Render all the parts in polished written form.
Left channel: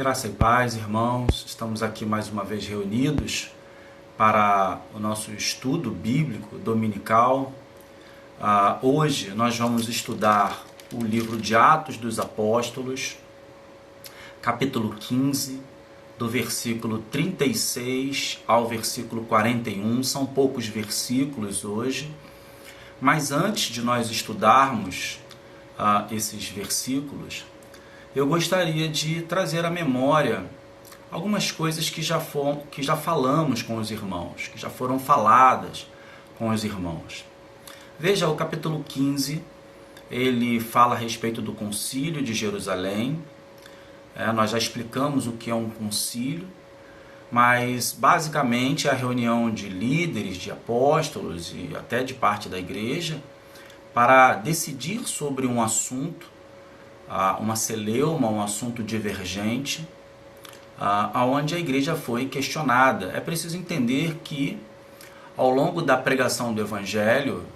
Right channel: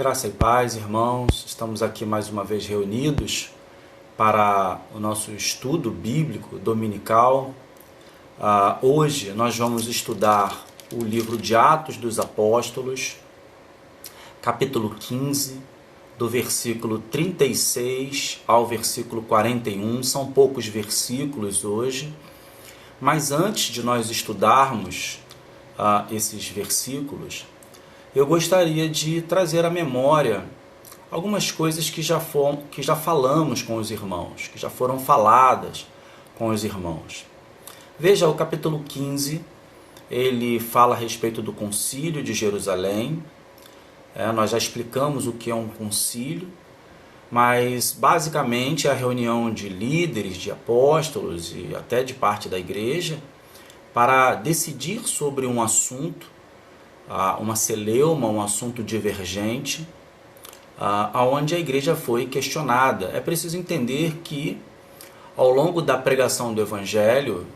Graça e paz, irmãos. Estamos aqui mais uma vez reunidos para o nosso estudo bíblico dominical. Hoje nós vamos estudar o livro de Atos dos Apóstolos, capítulo 15, do versículo 36 ao versículo 41. São poucos versículos hoje, mas antes de nós estudarmos esses versículos, eu gostaria de trazer à memória algumas coisas que já falamos com os irmãos, que já foram faladas com os irmãos. Veja, o capítulo 15, ele fala a respeito do concílio de Jerusalém. Nós já explicamos o que é um concílio, mas basicamente é a reunião de líderes, de apóstolos e até de parte da igreja para decidir sobre um assunto, uma celeuma, um assunto divergente, onde a igreja foi questionada. É preciso entender que, ao longo da pregação do Evangelho,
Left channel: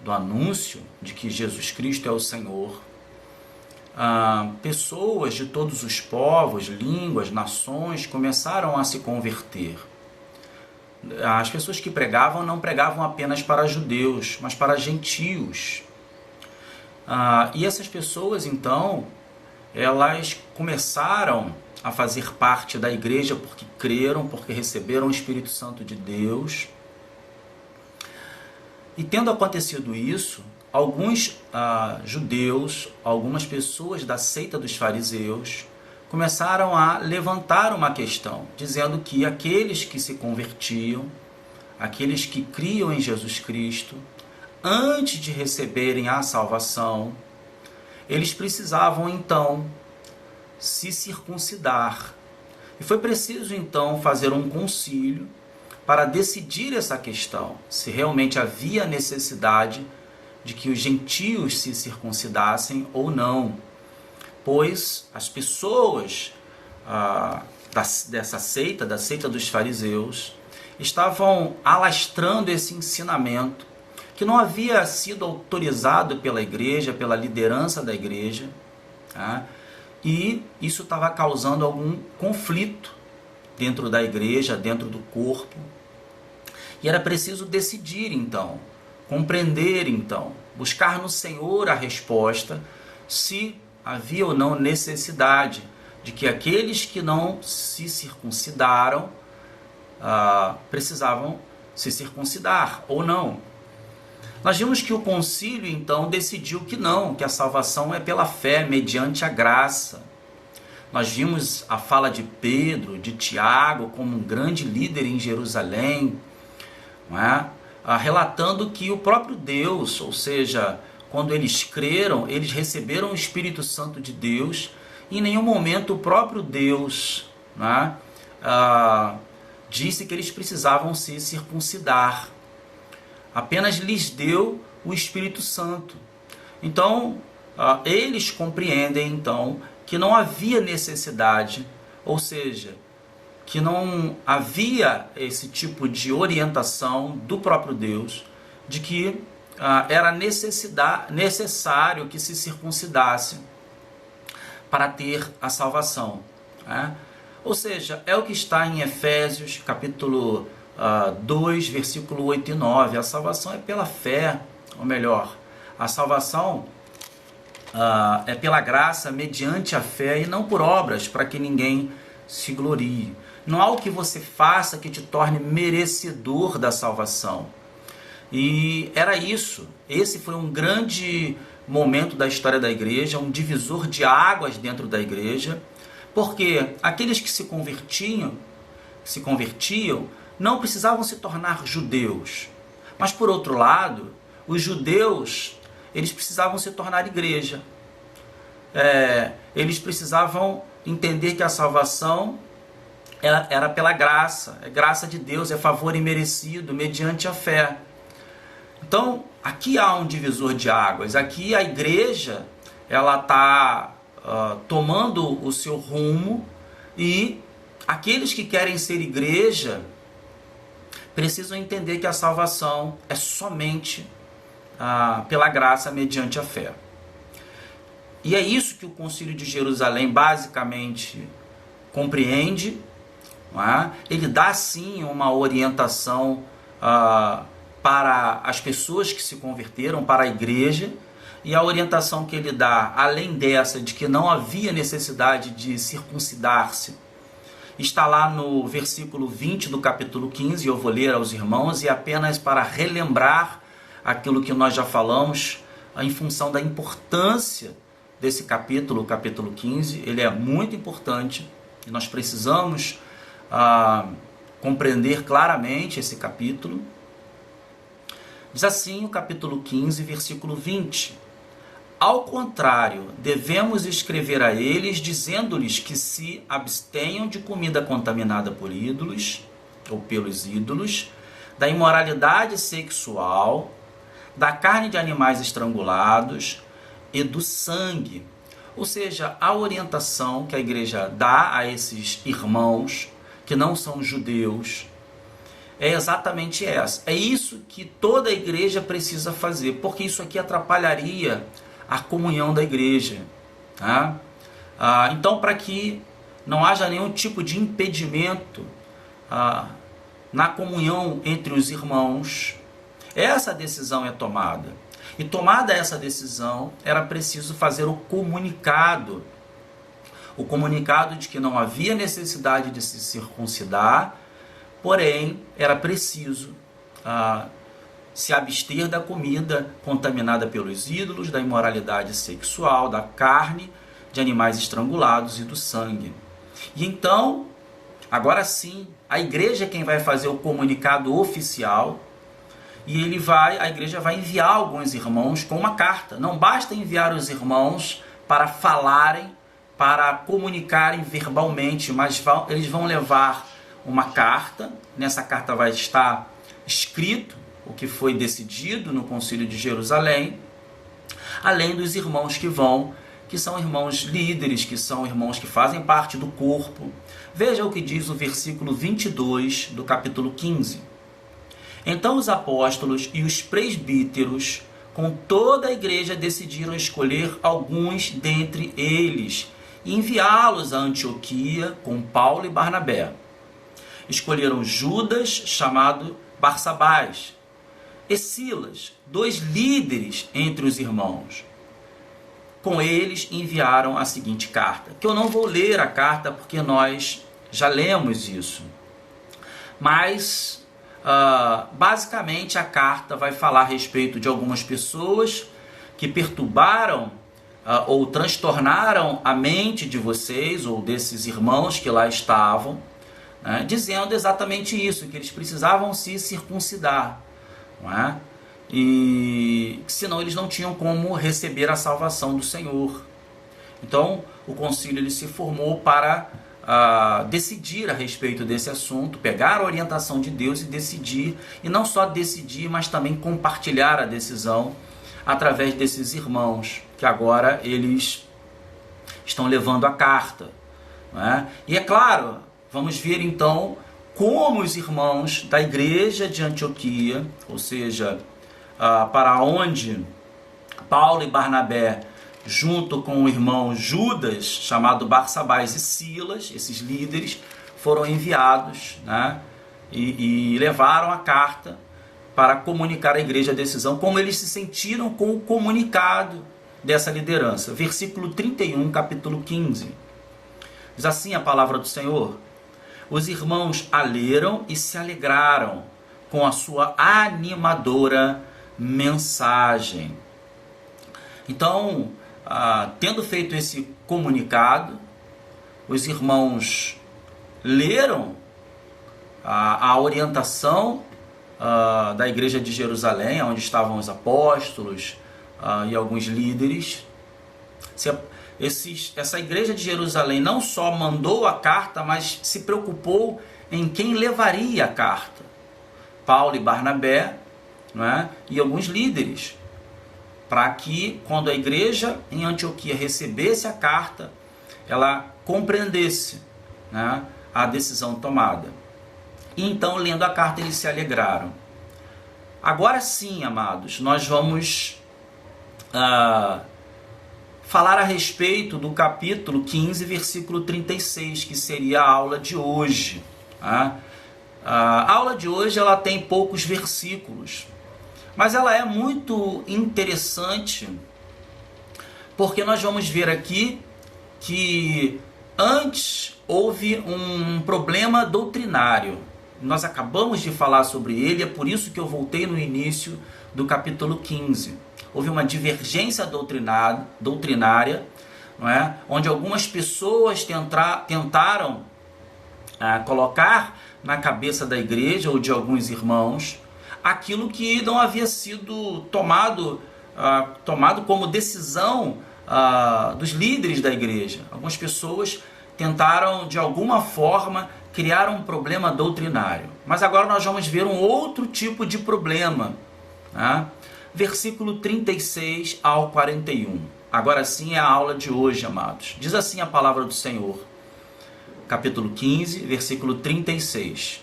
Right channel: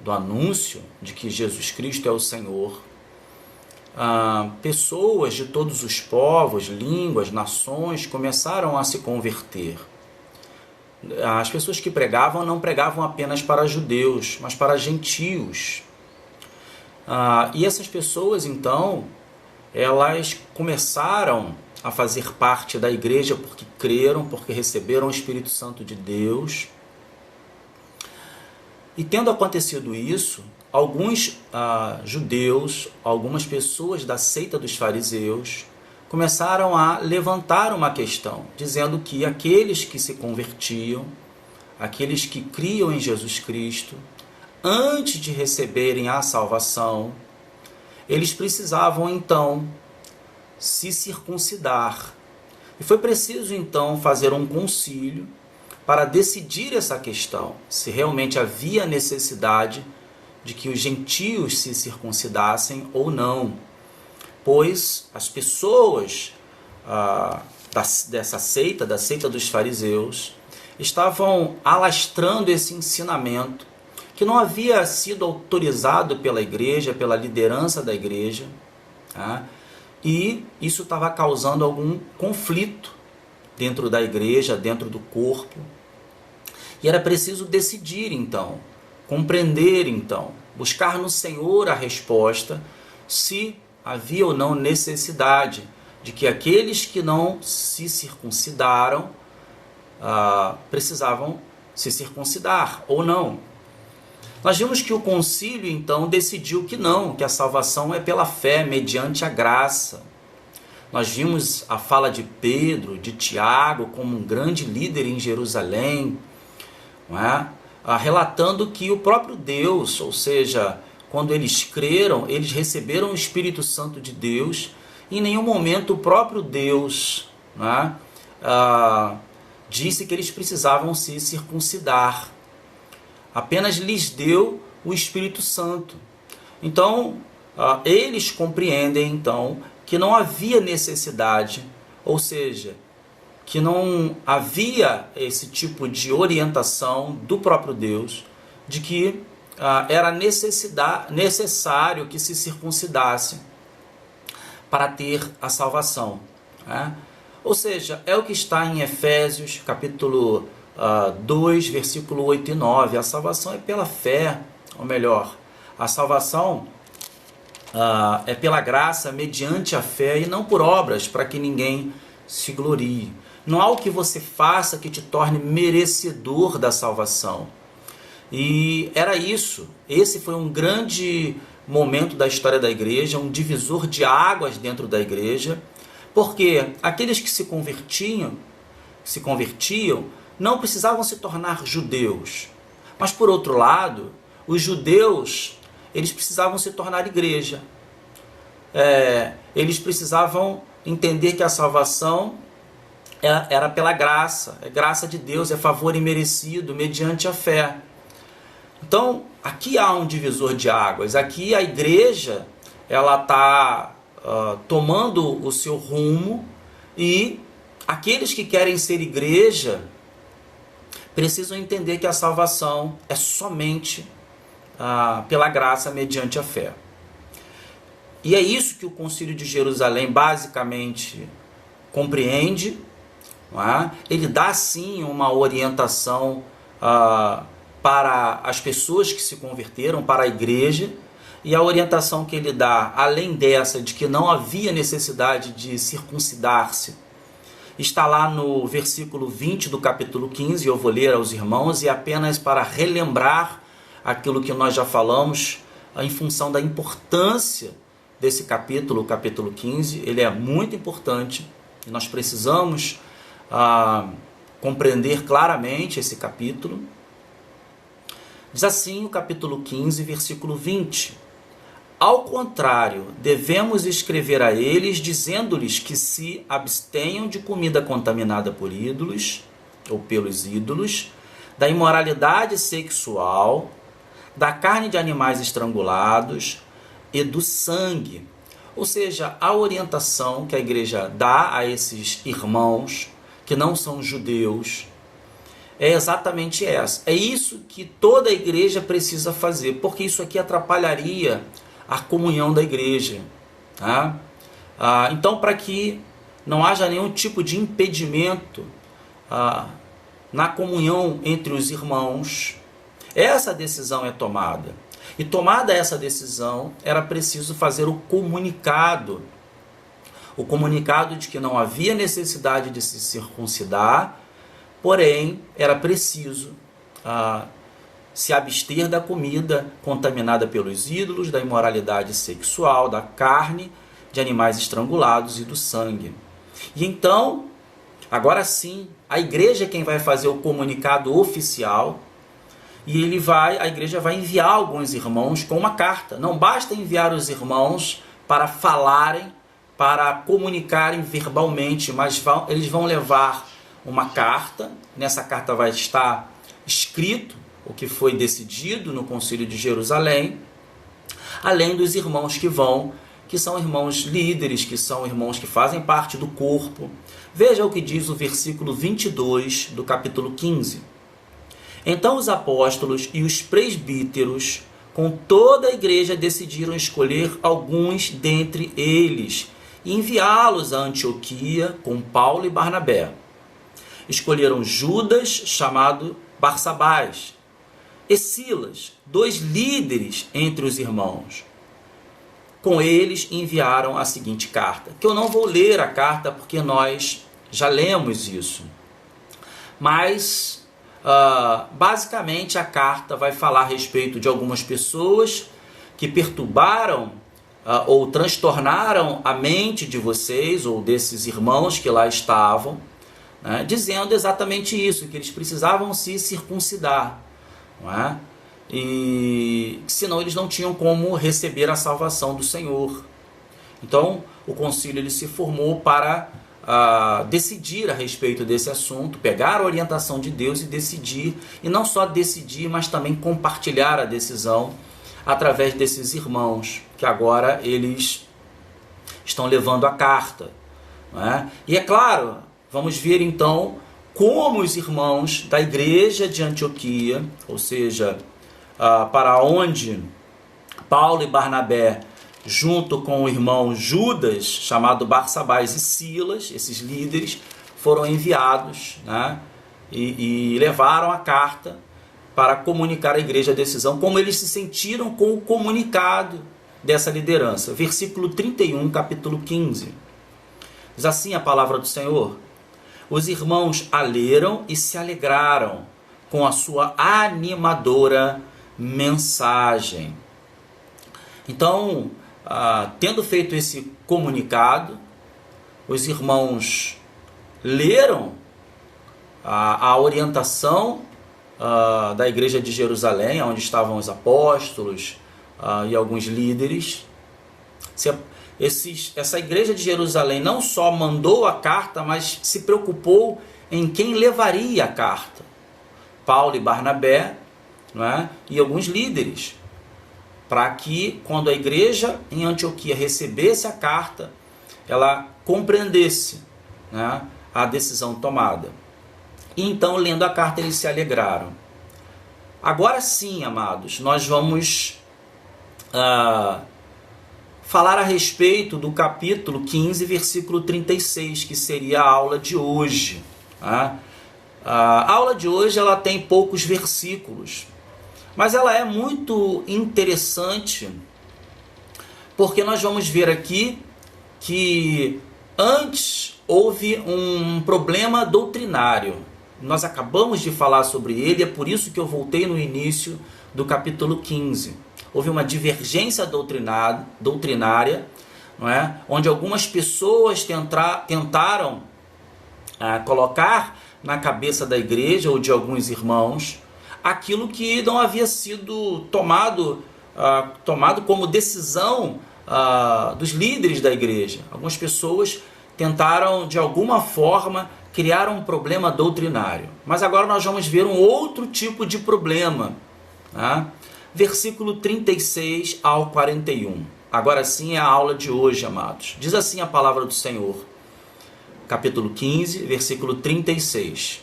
do anúncio de que Jesus Cristo é o Senhor, pessoas de todos os povos, línguas, nações começaram a se converter. As pessoas que pregavam não pregavam apenas para judeus, mas para gentios. E essas pessoas, então, elas começaram a fazer parte da igreja porque creram, porque receberam o Espírito Santo de Deus. E tendo acontecido isso, alguns judeus, algumas pessoas da seita dos fariseus, começaram a levantar uma questão, dizendo que aqueles que se convertiam, aqueles que criam em Jesus Cristo, antes de receberem a salvação, eles precisavam então se circuncidar. E foi preciso então fazer um concílio para decidir essa questão, se realmente havia necessidade de que os gentios se circuncidassem ou não. Pois as pessoas dessa seita, da seita dos fariseus, estavam alastrando esse ensinamento que não havia sido autorizado pela igreja, pela liderança da igreja, e isso estava causando algum conflito dentro da igreja, dentro do corpo. E era preciso decidir então, compreender então, buscar no Senhor a resposta, se havia ou não necessidade de que aqueles que não se circuncidaram precisavam se circuncidar ou não. Nós vimos que o concílio, então, decidiu que não, que a salvação é pela fé, mediante a graça. Nós vimos a fala de Pedro, de Tiago, como um grande líder em Jerusalém, não é? Relatando que o próprio Deus, ou seja, quando eles creram, eles receberam o Espírito Santo de Deus, e em nenhum momento o próprio Deus, não é? Disse que eles precisavam se circuncidar. Apenas lhes deu o Espírito Santo. Então, eles compreendem, então, que não havia necessidade, ou seja, que não havia esse tipo de orientação do próprio Deus, de que era necessário que se circuncidasse para ter a salvação. Ou seja, é o que está em Efésios, capítulo 2, versículo 8 e 9. A salvação é pela fé, ou melhor, a salvação é pela graça, mediante a fé, e não por obras, para que ninguém se glorie. Não há o que você faça que te torne merecedor da salvação. E era isso. Esse foi um grande momento da história da igreja, um divisor de águas dentro da igreja, porque aqueles que se convertiam, não precisavam se tornar judeus. Mas, por outro lado, os judeus, eles precisavam se tornar igreja. Eles precisavam entender que a salvação era pela graça. É graça de Deus, é favor imerecido, mediante a fé. Então, aqui há um divisor de águas. Aqui a igreja ela está tomando o seu rumo, e aqueles que querem ser igreja precisam entender que a salvação é somente pela graça mediante a fé. E é isso que o Concílio de Jerusalém basicamente compreende. Não é? Ele dá sim uma orientação para as pessoas que se converteram, para a igreja, e a orientação que ele dá, além dessa, de que não havia necessidade de circuncidar-se, está lá no versículo 20 do capítulo 15, eu vou ler aos irmãos, e apenas para relembrar aquilo que nós já falamos, em função da importância desse capítulo, o capítulo 15, ele é muito importante, e nós precisamos compreender claramente esse capítulo. Diz assim o capítulo 15, versículo 20: Ao contrário, devemos escrever a eles, dizendo-lhes que se abstenham de comida contaminada por ídolos, ou pelos ídolos, da imoralidade sexual, da carne de animais estrangulados e do sangue. Ou seja, a orientação que a igreja dá a esses irmãos que não são judeus é exatamente essa. É isso que toda a igreja precisa fazer, porque isso aqui atrapalharia a comunhão da igreja. Tá? Então, para que não haja nenhum tipo de impedimento na comunhão entre os irmãos, essa decisão é tomada. E tomada essa decisão, era preciso fazer o comunicado de que não havia necessidade de se circuncidar, porém, era preciso se abster da comida contaminada pelos ídolos, da imoralidade sexual, da carne de animais estrangulados e do sangue. E então, agora sim, a igreja é quem vai fazer o comunicado oficial, e a igreja vai enviar alguns irmãos com uma carta. Não basta enviar os irmãos para falarem, para comunicarem verbalmente, mas eles vão levar uma carta. Nessa carta vai estar escrito o que foi decidido no Concílio de Jerusalém, além dos irmãos que são irmãos líderes, que são irmãos que fazem parte do corpo. Veja o que diz o versículo 22 do capítulo 15. Então os apóstolos e os presbíteros, com toda a igreja, decidiram escolher alguns dentre eles e enviá-los a Antioquia com Paulo e Barnabé. Escolheram Judas, chamado Barsabás, e Silas, 2 líderes entre os irmãos. Com eles enviaram a seguinte carta, que eu não vou ler a carta porque nós já lemos isso, mas basicamente a carta vai falar a respeito de algumas pessoas que perturbaram ou transtornaram a mente de vocês ou desses irmãos que lá estavam, né, dizendo exatamente isso, que eles precisavam se circuncidar, não é? E senão eles não tinham como receber a salvação do Senhor. Então o concílio ele se formou para decidir a respeito desse assunto, pegar a orientação de Deus e decidir, e não só decidir, mas também compartilhar a decisão através desses irmãos, que agora eles estão levando a carta, né? E é claro, vamos ver então como os irmãos da igreja de Antioquia, ou seja, para onde Paulo e Barnabé, junto com o irmão Judas, chamado Barsabás, e Silas, esses líderes, foram enviados, né, e levaram a carta para comunicar à igreja a decisão, como eles se sentiram com o comunicado dessa liderança. Versículo 31, capítulo 15. Diz assim a palavra do Senhor: Os irmãos a leram e se alegraram com a sua animadora mensagem. Então, tendo feito esse comunicado, os irmãos leram a orientação da igreja de Jerusalém, onde estavam os apóstolos e alguns líderes. Essa igreja de Jerusalém não só mandou a carta, mas se preocupou em quem levaria a carta. Paulo e Barnabé, não é? E alguns líderes, para que, quando a igreja em Antioquia recebesse a carta, ela compreendesse, né, a decisão tomada. E então, lendo a carta, eles se alegraram. Agora sim, amados, nós vamos falar a respeito do capítulo 15, versículo 36, que seria a aula de hoje. Tá? A aula de hoje ela tem poucos versículos, mas ela é muito interessante, porque nós vamos ver aqui que antes houve um problema doutrinário. Nós acabamos de falar sobre ele, é por isso que eu voltei no início do capítulo 15. Houve uma divergência doutrinária, não é? Onde algumas pessoas tentaram colocar na cabeça da igreja ou de alguns irmãos aquilo que não havia sido tomado como decisão dos líderes da igreja. Algumas pessoas tentaram, de alguma forma, criar um problema doutrinário. Mas agora nós vamos ver um outro tipo de problema. Tá? Versículo 36 ao 41. Agora sim é a aula de hoje, amados. Diz assim a palavra do Senhor. Capítulo 15, versículo 36.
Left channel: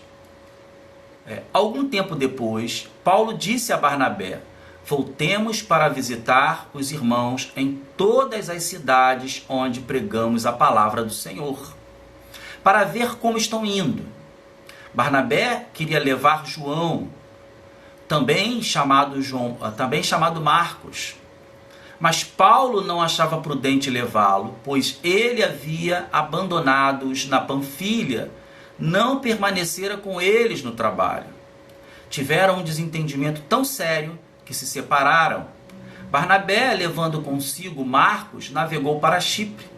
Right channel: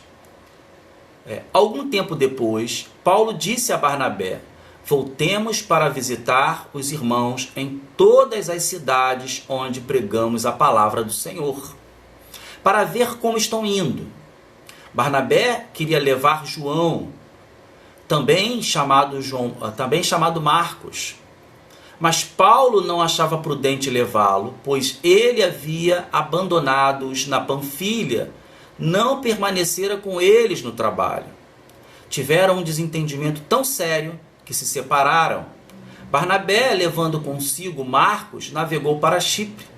Algum tempo depois, Paulo disse a Barnabé: voltemos para visitar os irmãos em todas as cidades onde pregamos a palavra do Senhor, para ver como estão indo. Barnabé queria levar João, também chamado Marcos. Mas Paulo não achava prudente levá-lo, pois ele havia abandonado-os na Panfilha, não permanecera com eles no trabalho. Tiveram um desentendimento tão sério que se separaram. Barnabé, levando consigo Marcos, navegou para Chipre.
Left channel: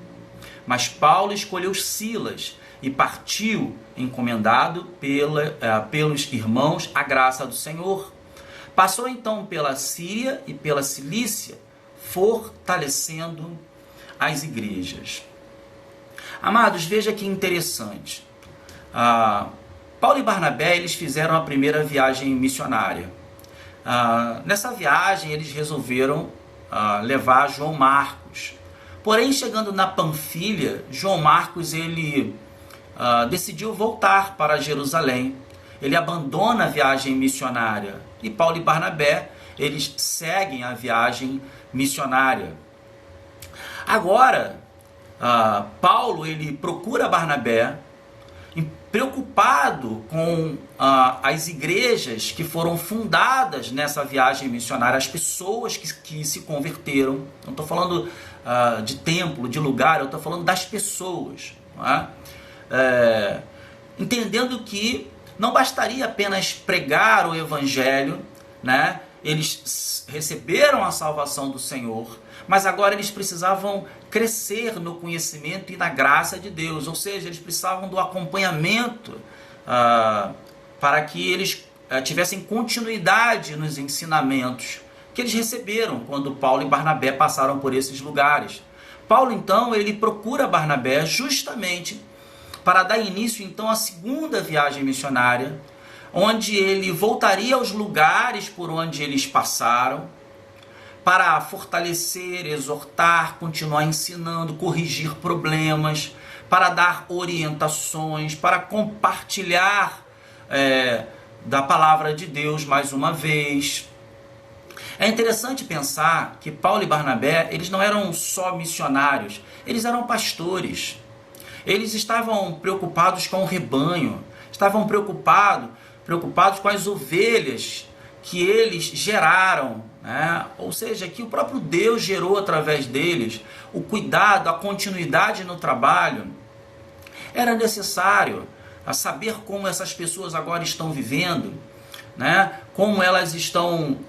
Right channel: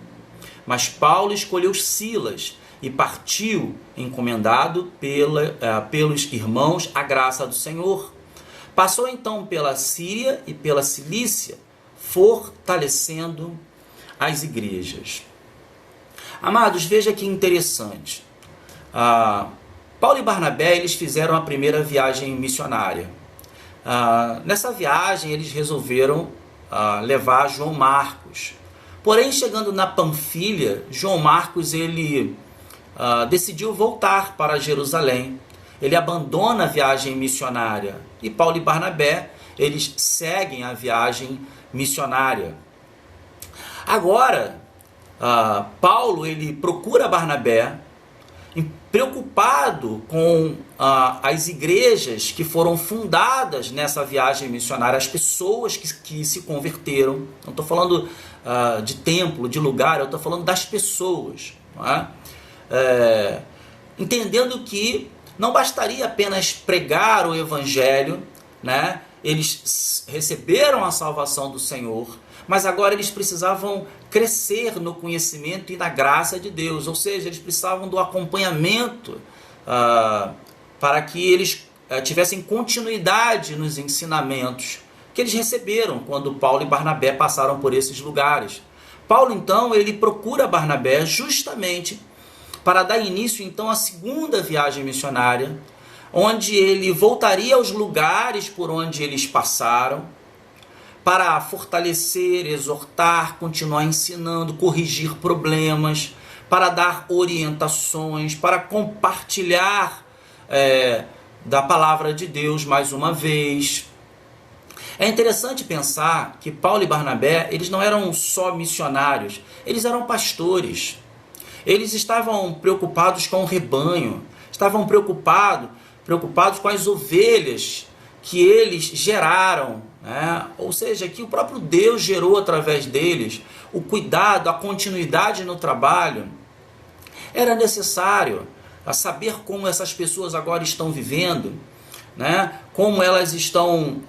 Mas Paulo escolheu Silas e partiu, encomendado pelos irmãos à graça do Senhor. Passou então pela Síria e pela Cilícia, fortalecendo as igrejas. Amados, veja que interessante. Paulo e Barnabé, eles fizeram a primeira viagem missionária. Nessa viagem, eles resolveram levar João Marcos. Porém, chegando na Panfilha, João Marcos ele decidiu voltar para Jerusalém. Ele abandona a viagem missionária. E Paulo e Barnabé, eles seguem a viagem missionária. Agora, Paulo ele procura Barnabé, preocupado com as igrejas que foram fundadas nessa viagem missionária, as pessoas que se converteram. Não estou falando de templo, de lugar, eu estou falando das pessoas. Não é? Entendendo que não bastaria apenas pregar o evangelho, né? Eles receberam a salvação do Senhor, mas agora eles precisavam crescer no conhecimento e na graça de Deus, ou seja, eles precisavam do acompanhamento para que eles tivessem continuidade nos ensinamentos que eles receberam quando Paulo e Barnabé passaram por esses lugares. Paulo, então, ele procura Barnabé justamente para dar início, então, à segunda viagem missionária, onde ele voltaria aos lugares por onde eles passaram, para fortalecer, exortar, continuar ensinando, corrigir problemas, para dar orientações, para compartilhar da palavra de Deus mais uma vez. É interessante pensar que Paulo e Barnabé, eles não eram só missionários, eles eram pastores. Eles estavam preocupados com o rebanho, estavam preocupados com as ovelhas que eles geraram, né? Ou seja, que o próprio Deus gerou através deles. O cuidado, a continuidade no trabalho. Era necessário saber como essas pessoas agora estão vivendo, né? Como elas estão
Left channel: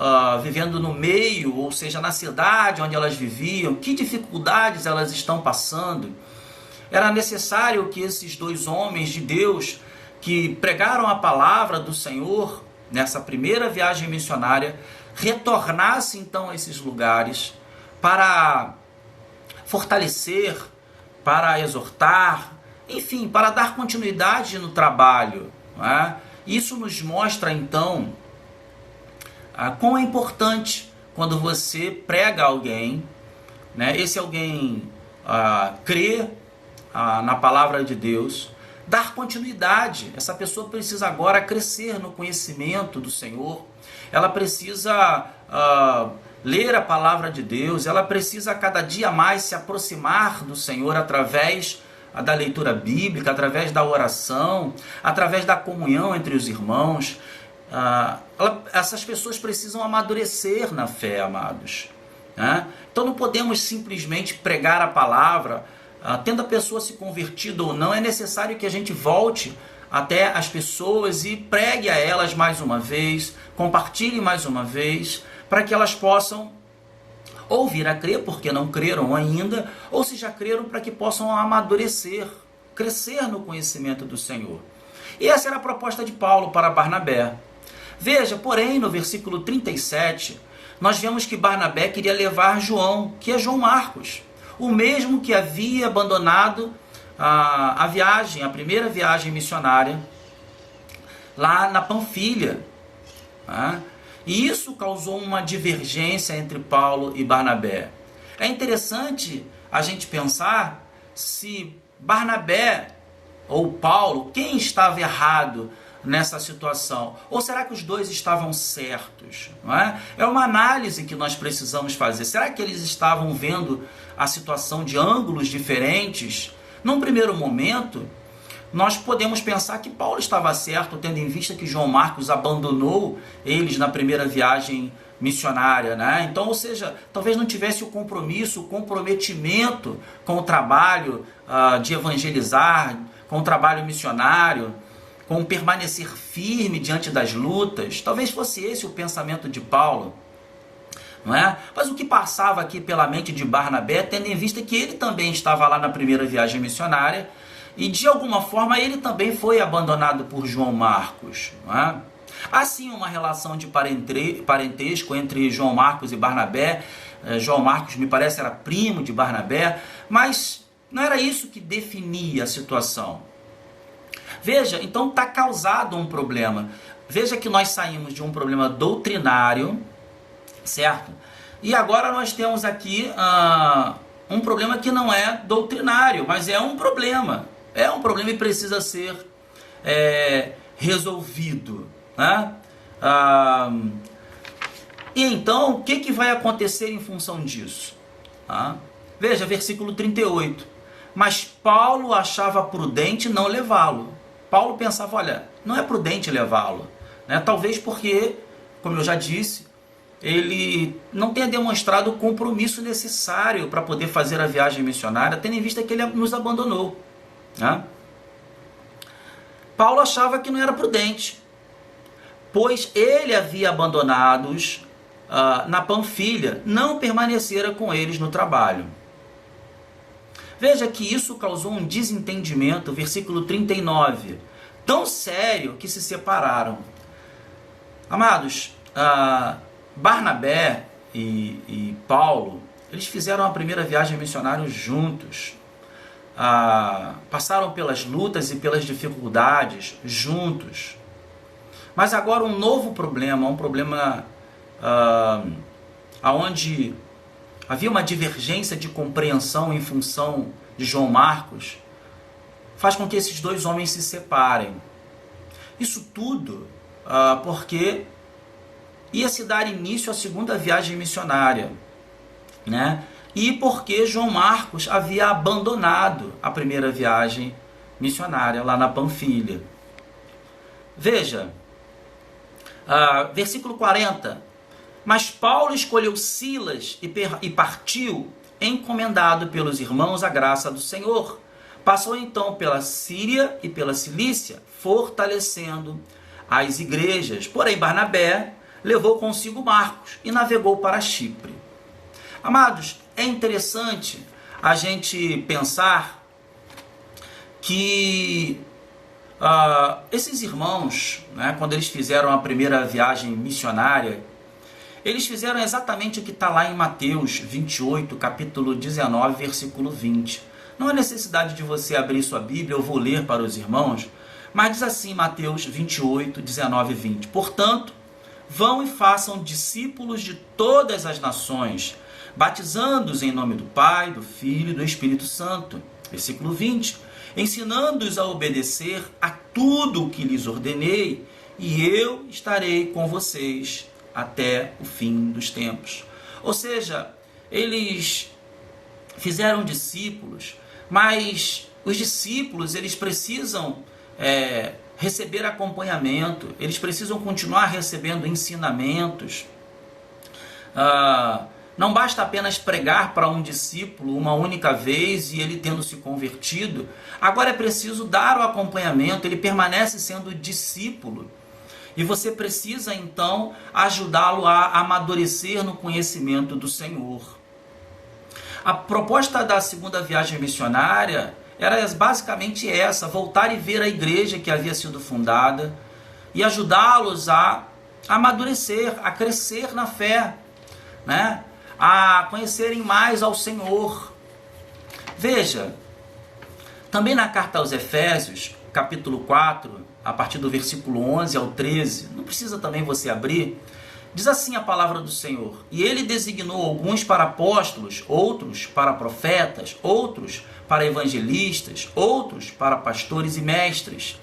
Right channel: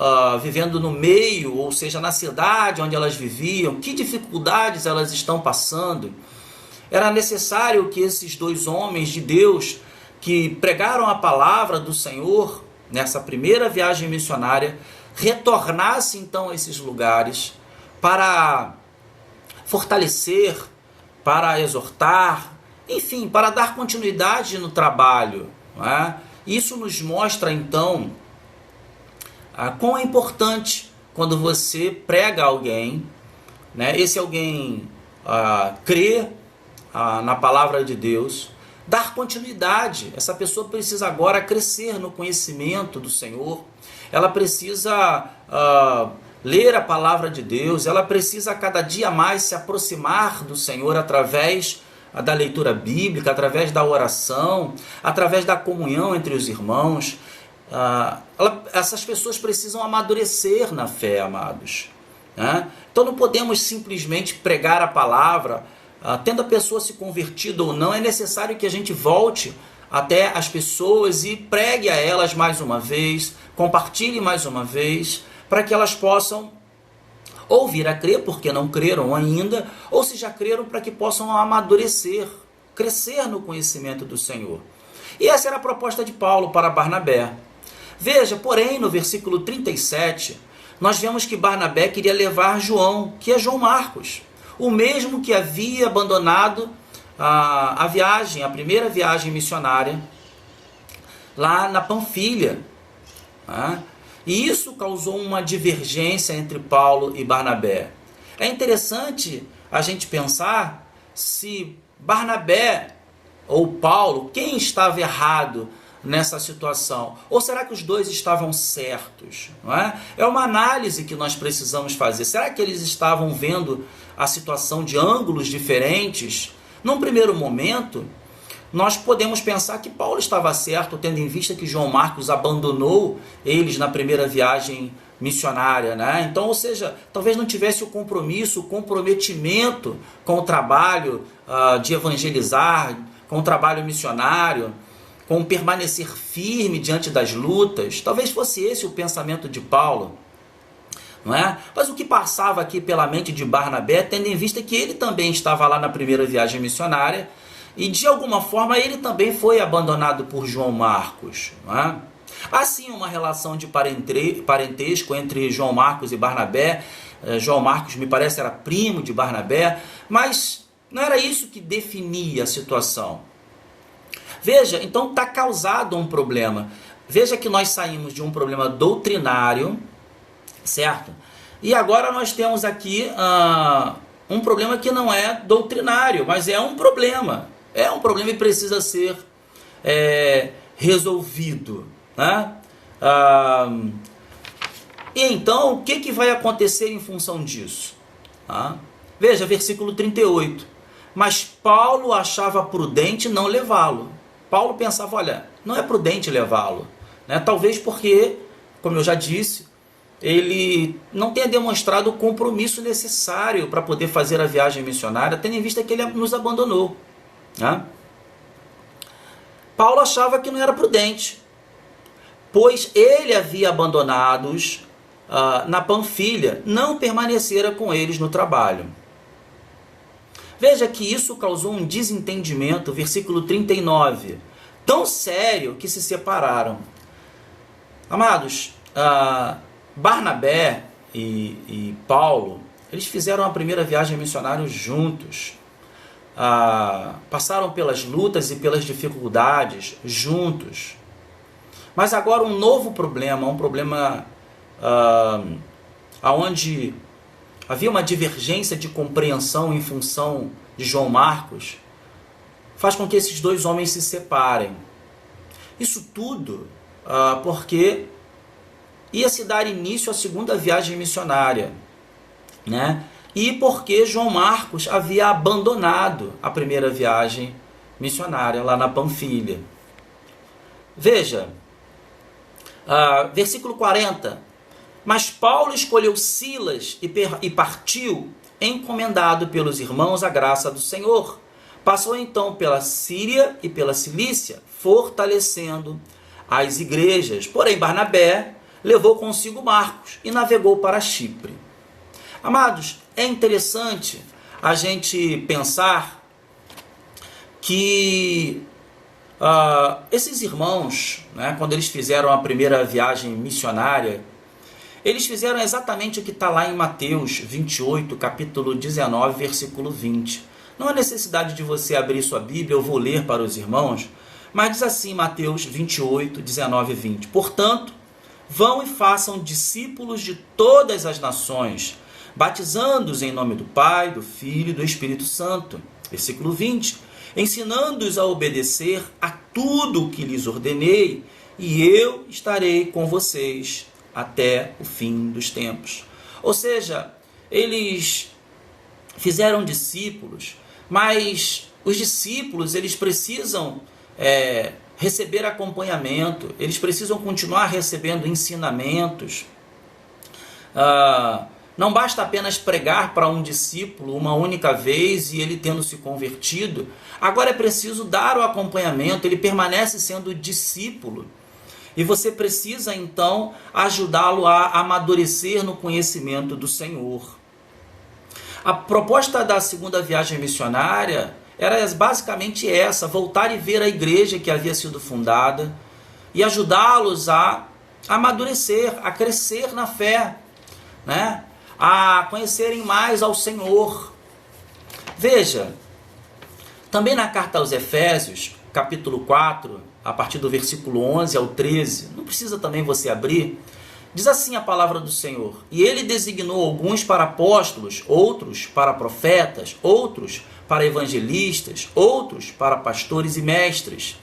vivendo no meio, ou seja, na cidade onde elas viviam, que dificuldades elas estão passando. Era necessário que esses dois homens de Deus que pregaram a palavra do Senhor nessa primeira viagem missionária retornassem então a esses lugares para fortalecer, para exortar, enfim, para dar continuidade no trabalho. Né? Isso nos mostra então quão é importante quando você prega a alguém, né? Esse alguém crê na palavra de Deus, dar continuidade. Essa pessoa precisa agora crescer no conhecimento do Senhor, ela precisa ler a palavra de Deus, ela precisa cada dia mais se aproximar do Senhor através da leitura bíblica, através da oração, através da comunhão entre os irmãos. Essas pessoas precisam amadurecer na fé, amados. Né? Então não podemos simplesmente pregar a palavra, tendo a pessoa se convertido ou não, é necessário que a gente volte até as pessoas e pregue a elas mais uma vez, compartilhe mais uma vez, para que elas possam ou vir a crer, porque não creram ainda, ou se já creram, para que possam amadurecer, crescer no conhecimento do Senhor. E essa era a proposta de Paulo para Barnabé. Veja, porém, no versículo 37, nós vemos que Barnabé queria levar João, que é João Marcos, o mesmo que havia abandonado a primeira viagem missionária, lá na Panfilha. E isso causou uma divergência entre Paulo e Barnabé. É interessante a gente pensar se Barnabé ou Paulo, quem estava errado nessa situação? Ou será que os dois estavam certos? Não é? É uma análise que nós precisamos fazer. Será que eles estavam vendo a situação de ângulos diferentes? Num primeiro momento, nós podemos pensar que Paulo estava certo, tendo em vista que João Marcos abandonou eles na primeira viagem missionária, né? Então, ou seja, talvez não tivesse o compromisso, o comprometimento com o trabalho de evangelizar, com o trabalho missionário, com permanecer firme diante das lutas. Talvez fosse esse o pensamento de Paulo, não é? Mas o que passava aqui pela mente de Barnabé, tendo em vista que ele também estava lá na primeira viagem missionária, e de alguma forma ele também foi abandonado por João Marcos. Não é? Há sim uma relação de parentesco entre João Marcos e Barnabé. João Marcos, me parece, era primo de Barnabé, mas não era isso que definia a situação. Veja, então está causado um problema. Veja que nós saímos de um problema doutrinário, certo? E agora nós temos aqui um problema que não é doutrinário, mas é um problema. É um problema e precisa ser resolvido. Né? E então, o que vai acontecer em função disso? Veja, versículo 38. Mas Paulo achava prudente não levá-lo. Paulo pensava, olha, não é prudente levá-lo. Né? Talvez porque, como eu já disse, ele não tenha demonstrado o compromisso necessário para poder fazer a viagem missionária, tendo em vista que ele nos abandonou. Né? Paulo achava que não era prudente, pois ele havia abandonados na Panfilha, não permanecera com eles no trabalho. Veja que isso causou um desentendimento, versículo 39, tão sério que se separaram. Amados, Barnabé e Paulo, eles fizeram a primeira viagem missionária juntos. Passaram pelas lutas e pelas dificuldades juntos. Mas agora um novo problema, um problema onde havia uma divergência de compreensão em função de João Marcos, faz com que esses dois homens se separem. Isso tudo porque ia se dar início à segunda viagem missionária, né? E porque João Marcos havia abandonado a primeira viagem missionária lá na Panfilha. Veja, versículo 40. Mas Paulo escolheu Silas e partiu, encomendado pelos irmãos à graça do Senhor. Passou então pela Síria e pela Cilícia, fortalecendo as igrejas. Porém, Barnabé levou consigo Marcos e navegou para Chipre. Amados, é interessante a gente pensar que esses irmãos, né, quando eles fizeram a primeira viagem missionária, eles fizeram exatamente o que está lá em Mateus 28, capítulo 19, versículo 20. Não há necessidade de você abrir sua Bíblia, eu vou ler para os irmãos, mas diz assim, Mateus 28, 19 e 20. Portanto, vão e façam discípulos de todas as nações, batizando-os em nome do Pai, do Filho e do Espírito Santo. Versículo 20. Ensinando-os a obedecer a tudo o que lhes ordenei, e eu estarei com vocês até o fim dos tempos. Ou seja, eles fizeram discípulos, mas os discípulos, eles precisam receber acompanhamento, eles precisam continuar recebendo ensinamentos. Não basta apenas pregar para um discípulo uma única vez e ele tendo se convertido. Agora é preciso dar o acompanhamento, ele permanece sendo discípulo. E você precisa, então, ajudá-lo a amadurecer no conhecimento do Senhor. A proposta da segunda viagem missionária era basicamente essa: voltar e ver a igreja que havia sido fundada e ajudá-los a amadurecer, a crescer na fé, né? A conhecerem mais ao Senhor. Veja, também na carta aos Efésios, capítulo 4, a partir do versículo 11 ao 13, não precisa também você abrir, diz assim a palavra do Senhor: e ele designou alguns para apóstolos, outros para profetas, outros para evangelistas, outros para pastores e mestres,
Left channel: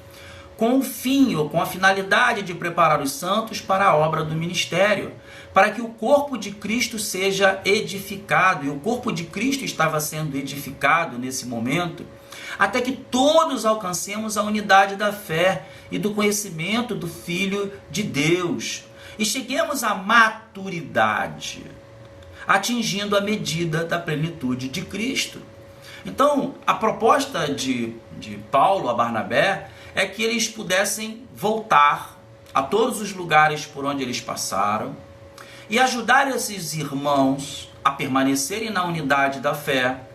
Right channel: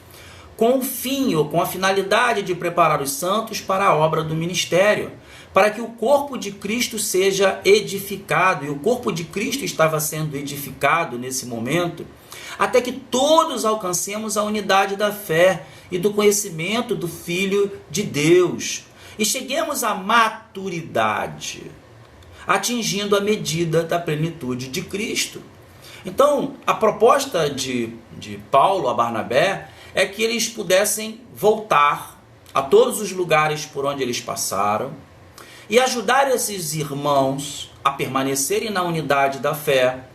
com o fim ou com a finalidade de preparar os santos para a obra do ministério, para que o corpo de Cristo seja edificado. E o corpo de Cristo estava sendo edificado nesse momento, até que todos alcancemos a unidade da fé e do conhecimento do Filho de Deus, e cheguemos à maturidade, atingindo a medida da plenitude de Cristo. Então, a proposta de Paulo a Barnabé é que eles pudessem voltar a todos os lugares por onde eles passaram e ajudar esses irmãos a permanecerem na unidade da fé,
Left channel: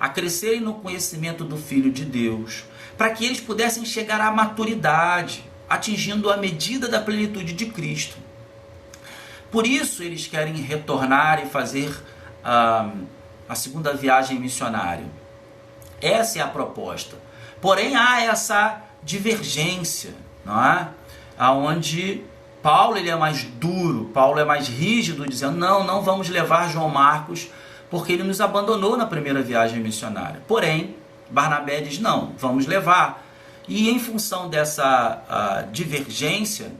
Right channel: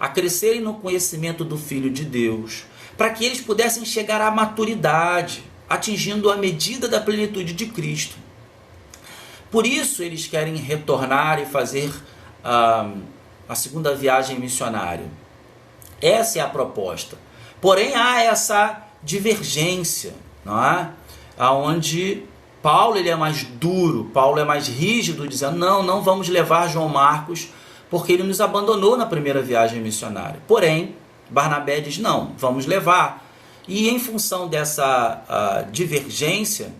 a crescerem no conhecimento do Filho de Deus, para que eles pudessem chegar à maturidade, atingindo a medida da plenitude de Cristo. Por isso eles querem retornar e fazer a segunda viagem missionária. Essa é a proposta. Porém, há essa divergência, não é? Onde Paulo ele é mais duro, Paulo é mais rígido, dizendo: não vamos levar João Marcos, porque ele nos abandonou na primeira viagem missionária. Porém, Barnabé diz: não, vamos levar. E em função dessa divergência,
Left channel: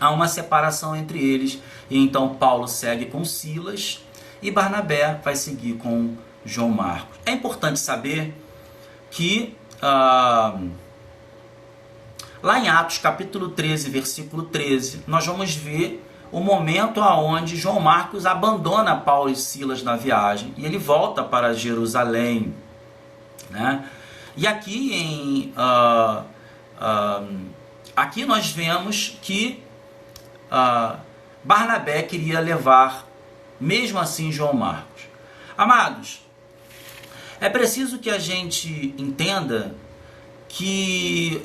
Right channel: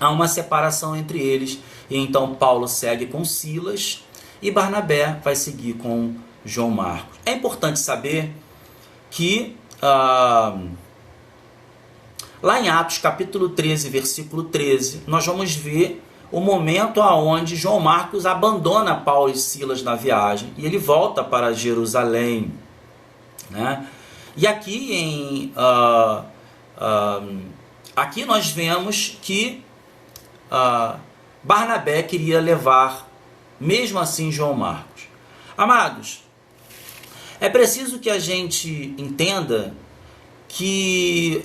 há uma separação entre eles. E então Paulo segue com Silas e Barnabé vai seguir com João Marcos. É importante saber que lá em Atos capítulo 13, versículo 13, nós vamos ver o momento onde João Marcos abandona Paulo e Silas na viagem e ele volta para Jerusalém, né? E aqui aqui nós vemos que Barnabé queria levar, mesmo assim, João Marcos. Amados, é preciso que a gente entenda que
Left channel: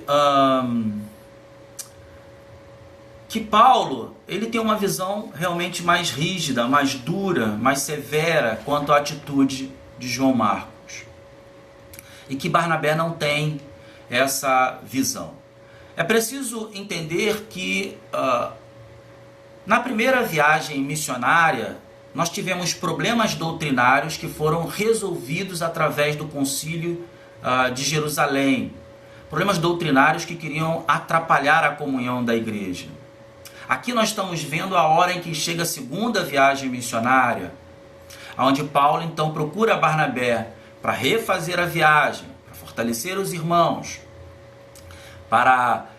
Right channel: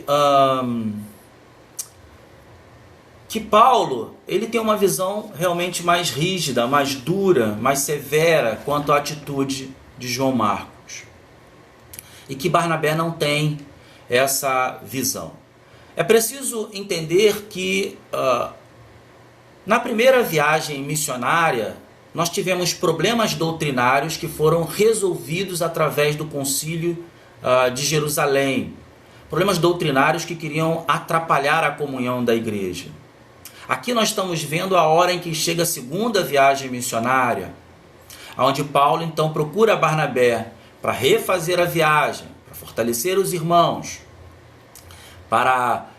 Paulo ele tem uma visão realmente mais rígida, mais dura, mais severa quanto à atitude de João Marcos. E que Barnabé não tem essa visão. É preciso entender que na primeira viagem missionária, nós tivemos problemas doutrinários que foram resolvidos através do concílio de Jerusalém. Problemas doutrinários que queriam atrapalhar a comunhão da igreja. Aqui nós estamos vendo a hora em que chega a segunda viagem missionária, onde Paulo então procura Barnabé para refazer a viagem, para fortalecer os irmãos, para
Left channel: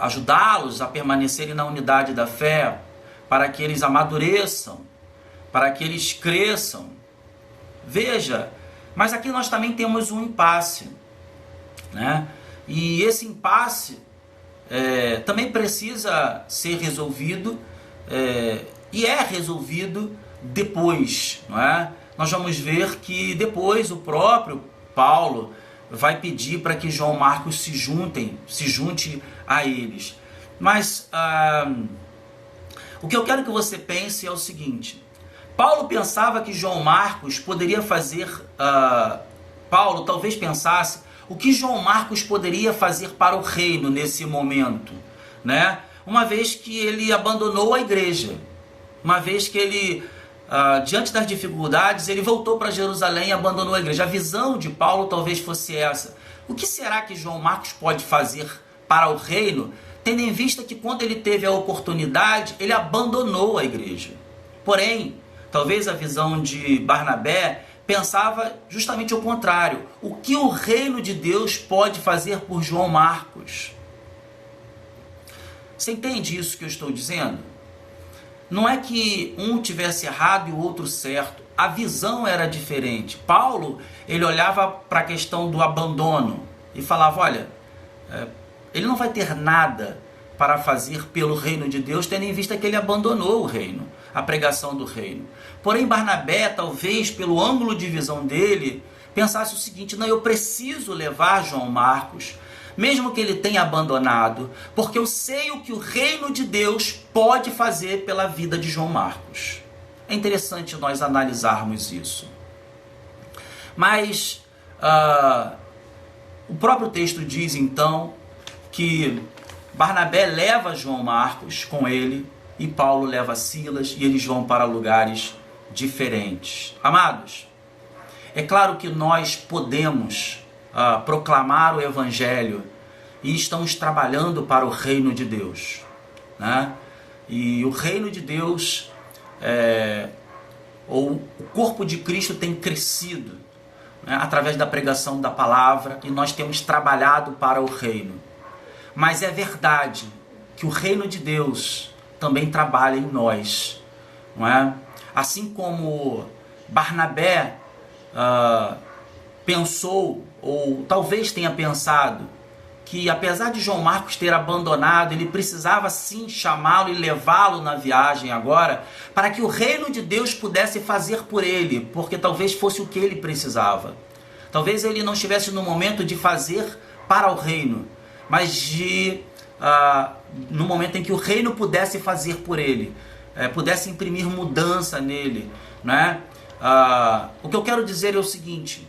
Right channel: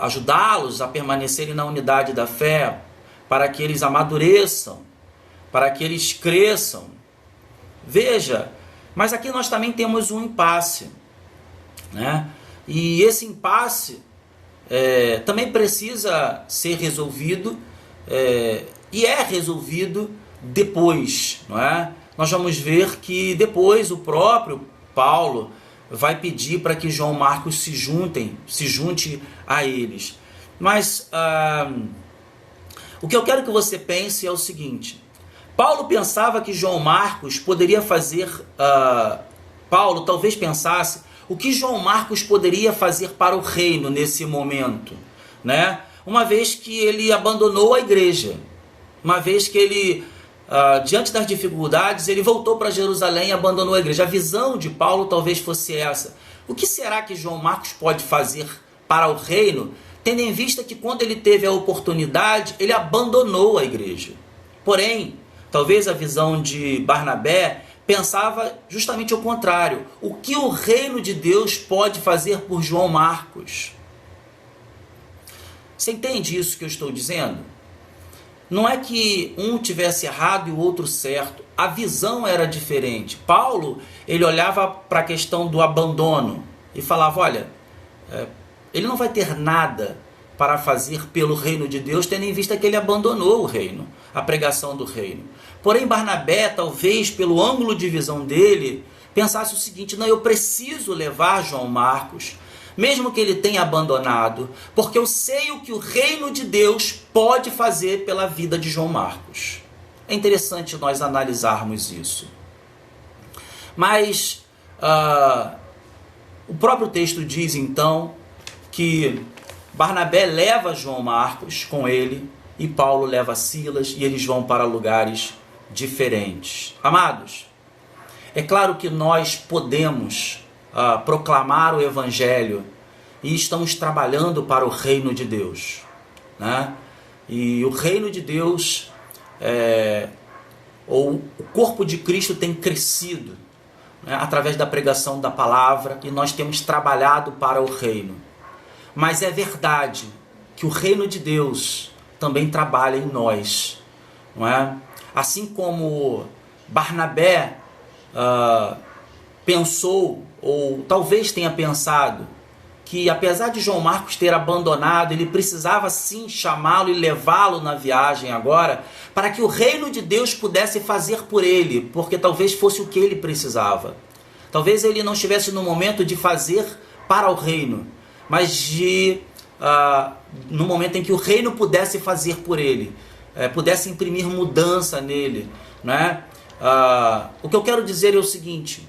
ajudá-los a permanecerem na unidade da fé, para que eles amadureçam, para que eles cresçam. Veja, mas aqui nós também temos um impasse, né? E esse impasse também precisa ser resolvido e é resolvido depois, não é? Nós vamos ver que depois o próprio Paulo vai pedir para que João Marcos se junte a eles. Mas o que eu quero que você pense é o seguinte: Paulo pensava que João Marcos poderia fazer, Paulo talvez pensasse o que João Marcos poderia fazer para o reino nesse momento, né? Uma vez que ele abandonou a igreja, uma vez que ele, diante das dificuldades, ele voltou para Jerusalém e abandonou a igreja. A visão de Paulo talvez fosse essa: o que será que João Marcos pode fazer para o reino, tendo em vista que quando ele teve a oportunidade, ele abandonou a igreja? Porém, talvez a visão de Barnabé, pensava justamente o contrário. O que o reino de Deus pode fazer por João Marcos? Você entende isso que eu estou dizendo? Não é que um tivesse errado e o outro certo. A visão era diferente. Paulo, ele olhava para a questão do abandono e falava, olha, ele não vai ter nada para fazer pelo reino de Deus, tendo em vista que ele abandonou o reino, a pregação do reino. Porém, Barnabé, talvez pelo ângulo de visão dele, pensasse o seguinte, não, eu preciso levar João Marcos, mesmo que ele tenha abandonado, porque eu sei o que o reino de Deus pode fazer pela vida de João Marcos. É interessante nós analisarmos isso. Mas o próprio texto diz, então, que Barnabé leva João Marcos com ele e Paulo leva Silas e eles vão para lugares diferentes. Amados, é claro que nós podemos proclamar o Evangelho e estamos trabalhando para o reino de Deus, né? E o reino de Deus, ou o corpo de Cristo tem crescido, né, através da pregação da palavra, e nós temos trabalhado para o reino. Mas é verdade que o reino de Deus também trabalha em nós, não é? Assim como Barnabé pensou, ou talvez tenha pensado, que apesar de João Marcos ter abandonado, ele precisava sim chamá-lo e levá-lo na viagem agora, para que o reino de Deus pudesse fazer por ele, porque talvez fosse o que ele precisava. Talvez ele não estivesse no momento de fazer para o reino, mas no momento em que o reino pudesse fazer por ele, pudesse imprimir mudança nele, né? O que eu quero dizer é o seguinte,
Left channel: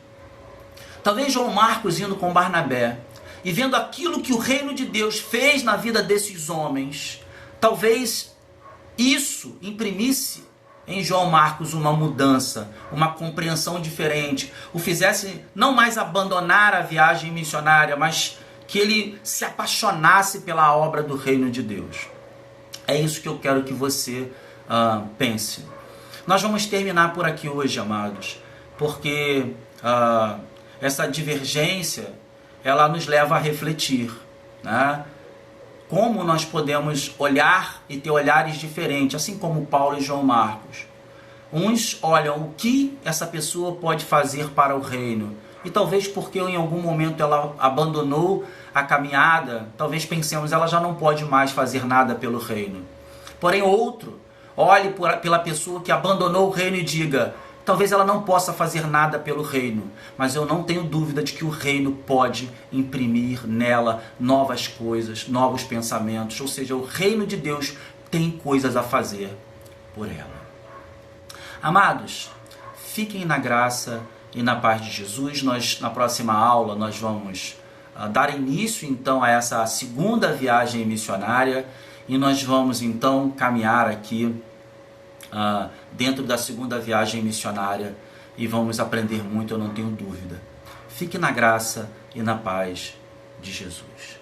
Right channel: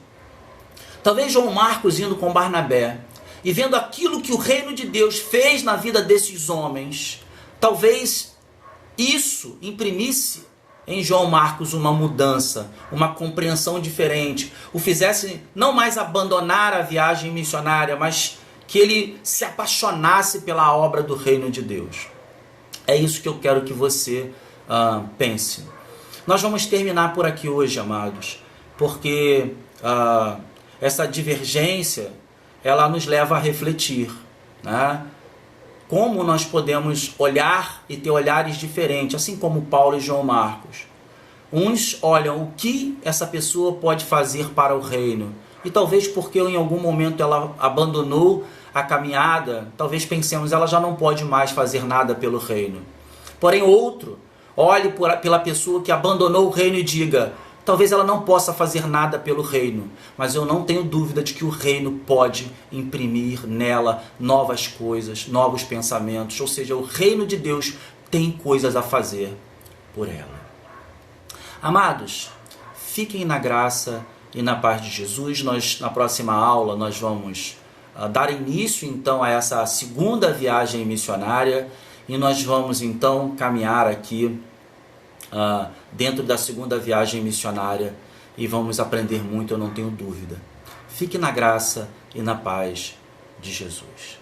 talvez João Marcos indo com Barnabé e vendo aquilo que o reino de Deus fez na vida desses homens, talvez isso imprimisse em João Marcos uma mudança, uma compreensão diferente, o fizesse não mais abandonar a viagem missionária, mas que ele se apaixonasse pela obra do reino de Deus. É isso que eu quero que você pense. Nós vamos terminar por aqui hoje, amados, porque essa divergência, ela nos leva a refletir, né? Como nós podemos olhar e ter olhares diferentes, assim como Paulo e João Marcos. Uns olham o que essa pessoa pode fazer para o reino, e talvez porque em algum momento ela abandonou a caminhada, talvez pensemos, ela já não pode mais fazer nada pelo reino. Porém, outro olhe pela pessoa que abandonou o reino e diga, talvez ela não possa fazer nada pelo reino, mas eu não tenho dúvida de que o reino pode imprimir nela novas coisas, novos pensamentos, ou seja, o reino de Deus tem coisas a fazer por ela. Amados, fiquem na graça e na paz de Jesus. Na próxima aula, nós vamos dar início, então, a essa segunda viagem missionária, e nós vamos, então, caminhar aqui dentro da segunda viagem missionária e vamos aprender muito, eu não tenho dúvida. Fique na graça e na paz de Jesus.